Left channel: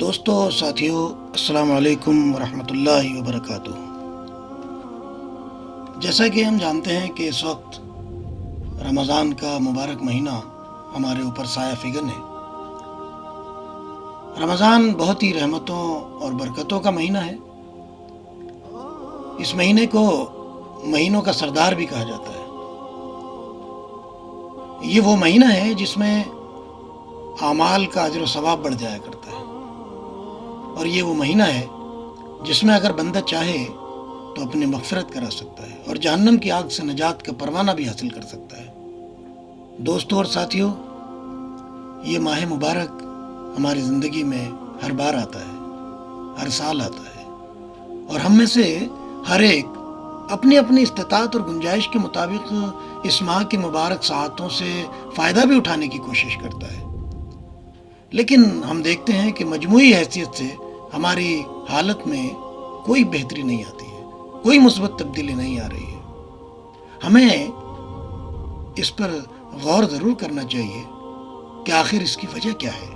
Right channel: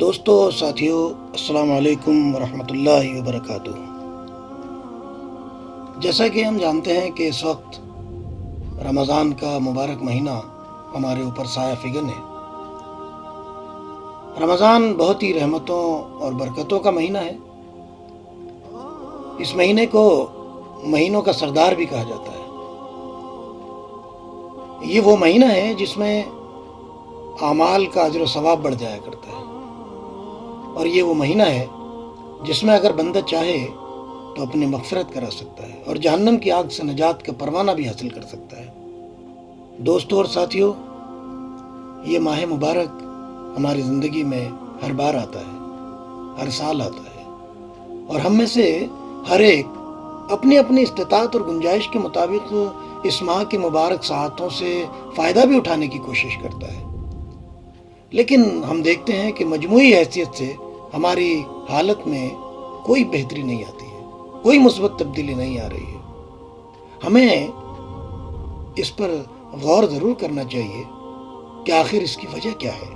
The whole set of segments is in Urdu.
دوستو ساتھیو، السلام علیکم ورحمۃ اللہ وبرکاتہ۔ جیسا کہ ہم جانتے ہیں کہ اس وقت رمضان کا مبارک مہینہ ہمارے اوپر سایہ فگن ہے۔ رمضان بہت ہی رحمتوں اور برکتوں کا مہینہ ہے۔ اس مہینے کو مہینوں کا سردار بھی کہا جاتا ہے۔ یہ وہ مہینہ ہے جس میں اعمال کا اجر و ثواب بڑھ جایا کرتا ہے، اور یہ وہ مہینہ ہے جس میں اگر بندہ چاہے تو اپنی مغفرت کرا سکتا ہے اور جہنم کی آگ سے نجات کا پروانہ بھی حاصل کر سکتا ہے۔ دوستو اور ساتھیو، یہ ماہ مبارک ہماری زندگی میں ہر بار آتا ہے، ہر سال آتا ہے، اور ہم میں سے ہر ایک اپنی اپنی استطاعت اور گنجائش کے مطابق اس ماہ کی مبارک ساعتوں سے فائدہ بھی اٹھانے کی کوشش کرتا ہے، لیکن ہم دیکھتے ہیں کہ مجموعی حیثیت سے ہماری حالت میں کوئی بہتری نہیں آتی ہے، کوئی مثبت تبدیلی نہیں آ رہی ہے۔ ہمیں اس پر غور ضرور کرنا چاہیے کہ آخر اس کی وجہ کیا ہے۔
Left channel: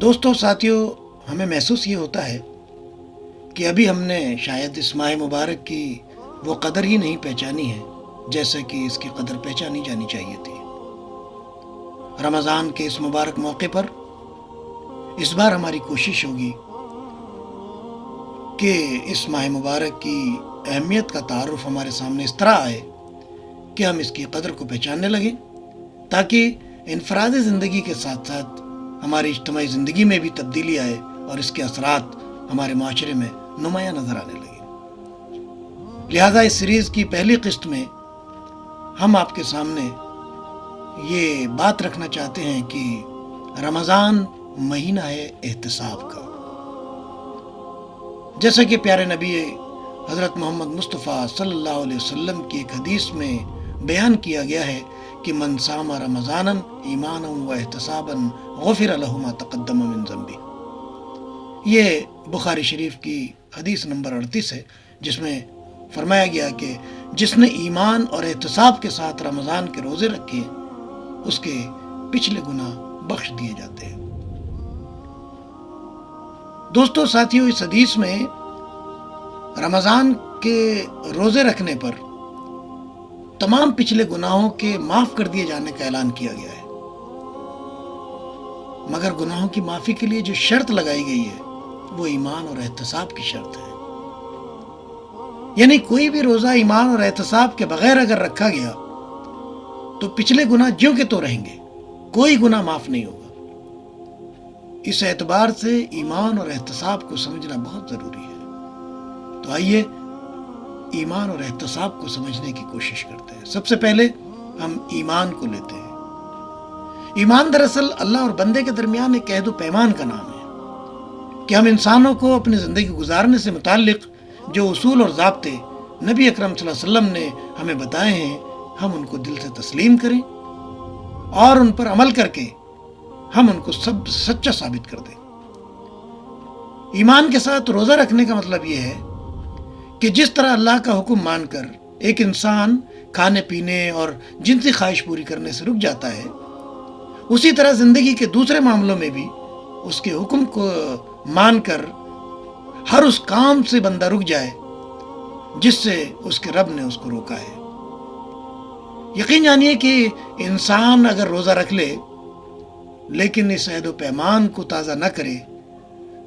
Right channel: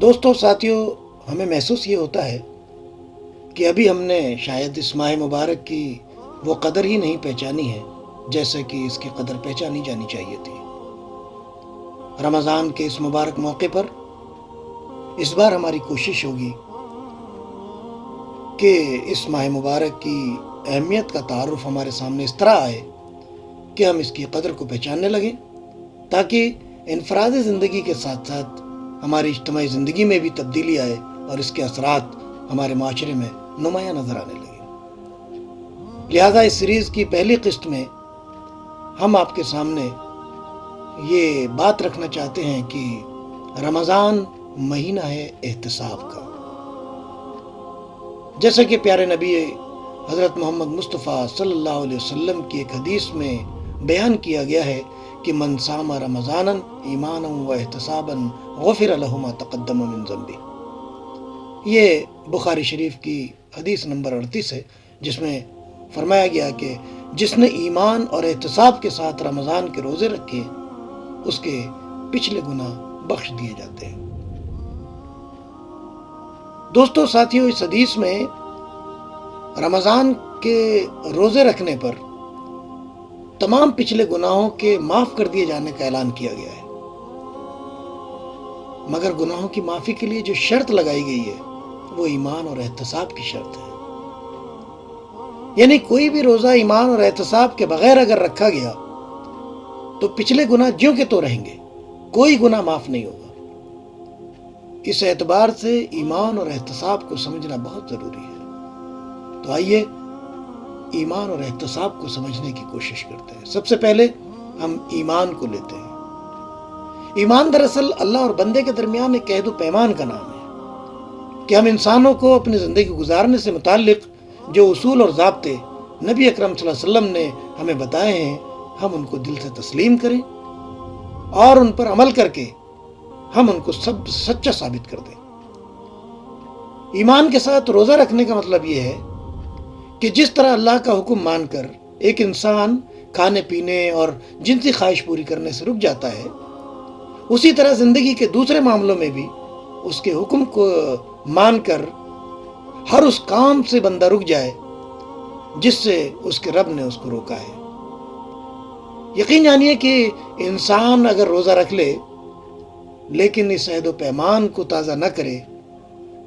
دوستو ساتھیو، ہمیں محسوس یہ ہوتا ہے کہ ابھی ہم نے شاید اس ماہ مبارک کی وہ قدر ہی نہیں پہچانی ہے جیسے کہ اس کی قدر پہچانی جانی چاہیے تھی۔ رمضان کے اس مبارک موقع پر اس بار ہماری کوشش ہوگی کہ اس ماہ مبارک کی اہمیت کا تعارف ہمارے سامنے اس طرح آئے کہ ہم اس کی قدر کو پہچاننے لگیں، تاکہ انفرادی زندگی کے ساتھ ساتھ ہماری اجتماعی زندگی میں بھی تبدیلی آئے اور اس کے اثرات ہمارے معاشرے میں نمایاں نظر آنے لگے۔ لہذا اس سیریز کی پہلی قسط میں ہم آپ کے سامنے یہ بات رکھنا چاہتے ہیں کہ رمضان مہینہ ہے احتساب کا۔ جیسا کہ پیارے نبی حضرت محمد مصطفیٰ صلی اللہ علیہ وسلم کی ایک حدیث میں بیان کیا گیا ہے کہ من صام رمضانا ایمانا و احتسابا غفر له ما تقدم من ذنبه۔ یہ بخاری شریف کی حدیث نمبر 38 ہے، جس میں فرمایا گیا کہ جس نے ایمان اور احتساب کے ساتھ رمضان کے روزے رکھے اس کے پچھلے گناہ بخش دیے جاتے ہیں۔ دوستو ساتھیو، اس حدیث میں رمضان کے روزے رکھنے پر تمام پچھلے گناہوں کے معاف کر دیے جانے کا اعلان کیا گیا ہے، مگر گناہوں کی معافی کے لیے جو شرط لگائی گئی ہے وہ ایمان اور احتساب کی شرط ہے۔ یعنی کوئی بھی روزہ ایمان اور احتساب کے بغیر اگر رکھا گیا تو پچھلے گناہ جیوں کے تو رہیں گے، کوئی گناہ معاف نہیں ہوگا۔ اس اعتبار سے ایمان اور احتساب کو سمجھنا بہت ضروری ہے۔ تو آئیے ایمان اور احتساب کو سمجھنے کی کوشش کرتے ہیں۔ سب سے پہلے ہم ایمان کو لیتے ہیں۔ ایمان دراصل اللہ اور بندے کے درمیان ایک عہد و پیمان کا نام ہے کہ ہم انسانوں کو اپنی زندگی گزارنے سے متعلق جو اصول اور ضابطے نبی اکرم صلی اللہ علیہ وسلم نے ہمیں بتائے ہیں، ہم ان کو دل سے تسلیم کریں اور ان پر عمل کر کے ہم ان کو سب سچا ثابت کر دیں۔ ایمان کے ساتھ روزہ رکھنے کا مطلب یہ ہے کہ جس طرح اللہ کا حکم مان کر ایک انسان کھانے پینے اور جنسی خواہش پوری کرنے سے رک جاتا ہے، اسی طرح زندگی کے دوسرے معاملوں میں بھی اس کے حکم کو مان کر ہر اس کام سے بندہ رک جائے جس سے اس کے رب نے اس کو روکا ہے۔ یقین جانیے کہ انسان اگر روزہ رکھ لے لیکن اس عہد و پیمان کو تازہ نہ کرے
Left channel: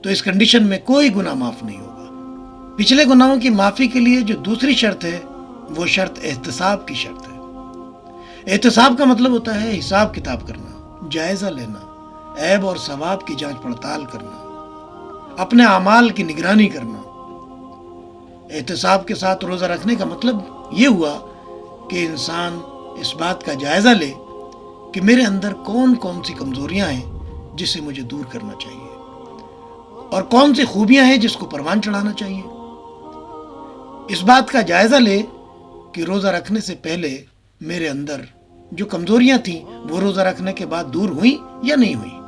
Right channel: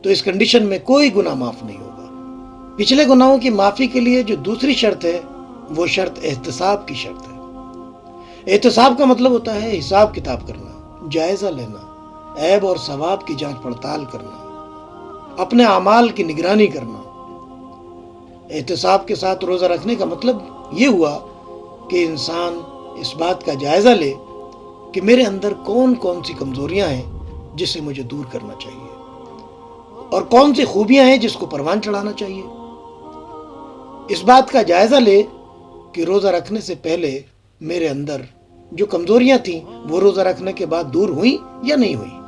تو اس کنڈیشن میں کوئی گناہ معاف نہیں ہوگا۔ پچھلے گناہوں کی معافی کے لیے جو دوسری شرط ہے وہ شرط احتساب کی شرط ہے۔ احتساب کا مطلب ہوتا ہے حساب کتاب کرنا، جائزہ لینا، عیب اور ثواب کی جانچ پڑتال کرنا، اپنے اعمال کی نگرانی کرنا۔ احتساب کے ساتھ روزہ رکھنے کا مطلب یہ ہوا کہ انسان اس بات کا جائزہ لے کہ میرے اندر کون کون سی کمزوریاں ہیں جسے مجھے دور کرنا چاہیے، اور کون سی خوبیاں ہیں جس کو پروان چڑھانا چاہیے۔ اس بات کا جائزہ لے کہ روزہ رکھنے سے پہلے میرے اندر جو کمزوریاں تھیں وہ روزہ رکھنے کے بعد دور ہوئیں یا نہیں ہوئیں۔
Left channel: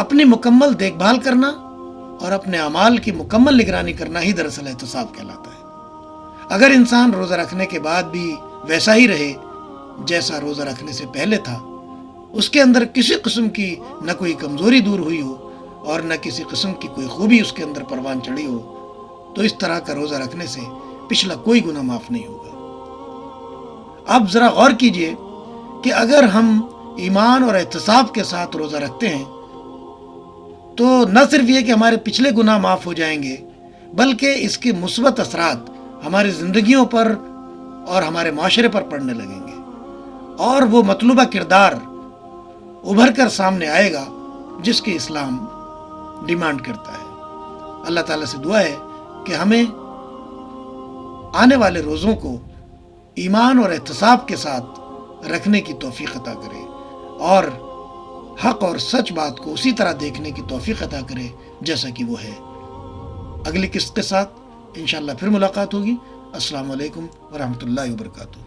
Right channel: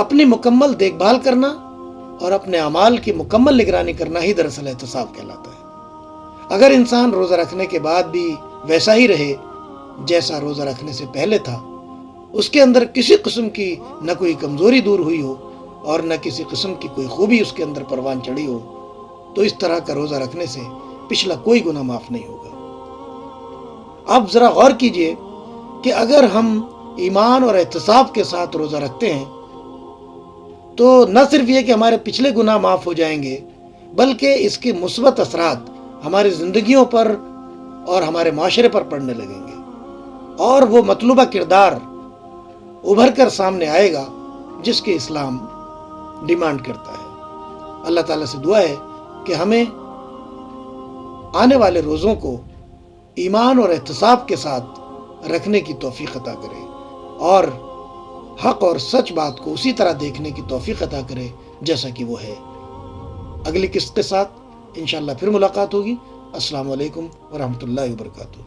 اپنی مکمل دیکھ بھال کرنا اور اپنے اعمال کی مکمل نگرانی کرنا ہی دراصل احتساب کہلاتا ہے۔ اگر انسان روزہ رکھنے کے بعد بھی ویسا ہی رہے جیسا روزہ رکھنے سے پہلے تھا اس کے اندر کسی قسم کی نہ کوئی کمزوری دور ہوئی ہو اور نہ کسی قسم کی کوئی خوبی اس کے اندر پروان چڑھی ہو، تو اس طرح کا روزہ رکھنے سے پچھلا کوئی گناہ معاف نہیں ہوگا۔ اب ذرا غور کیجئے کہ اگر ہم ایمان اور احتساب کے ساتھ روزہ رکھتے ہیں تو نہ صرف یہ کہ ہمارے پچھلے گناہ معاف ہو جائیں گے، بلکہ اس کے مثبت اثرات ہماری زندگیوں پر اور ہمارے معاشرے پر پڑنے لگیں گے، اور وہ مطلوبہ کردار ابھر کر سامنے آئے گا جس کی اسلام ڈیمانڈ کرتا ہے۔ اللہ تعالیٰ سے دعا ہے کہ ہمیں آنے والے روزوں کو ایمان اور احتساب کے ساتھ رکھنے کی توفیق عطا کرے اور حق اور سچ بات کو اسی طرح دیکھنے کی توفیق عطا کرے جیسا کہ وہ ہے۔ اگلی قسط کے ساتھ انشاءاللہ پھر ملاقات ہوگی۔ السلام علیکم ورحمۃ اللہ وبرکاتہ۔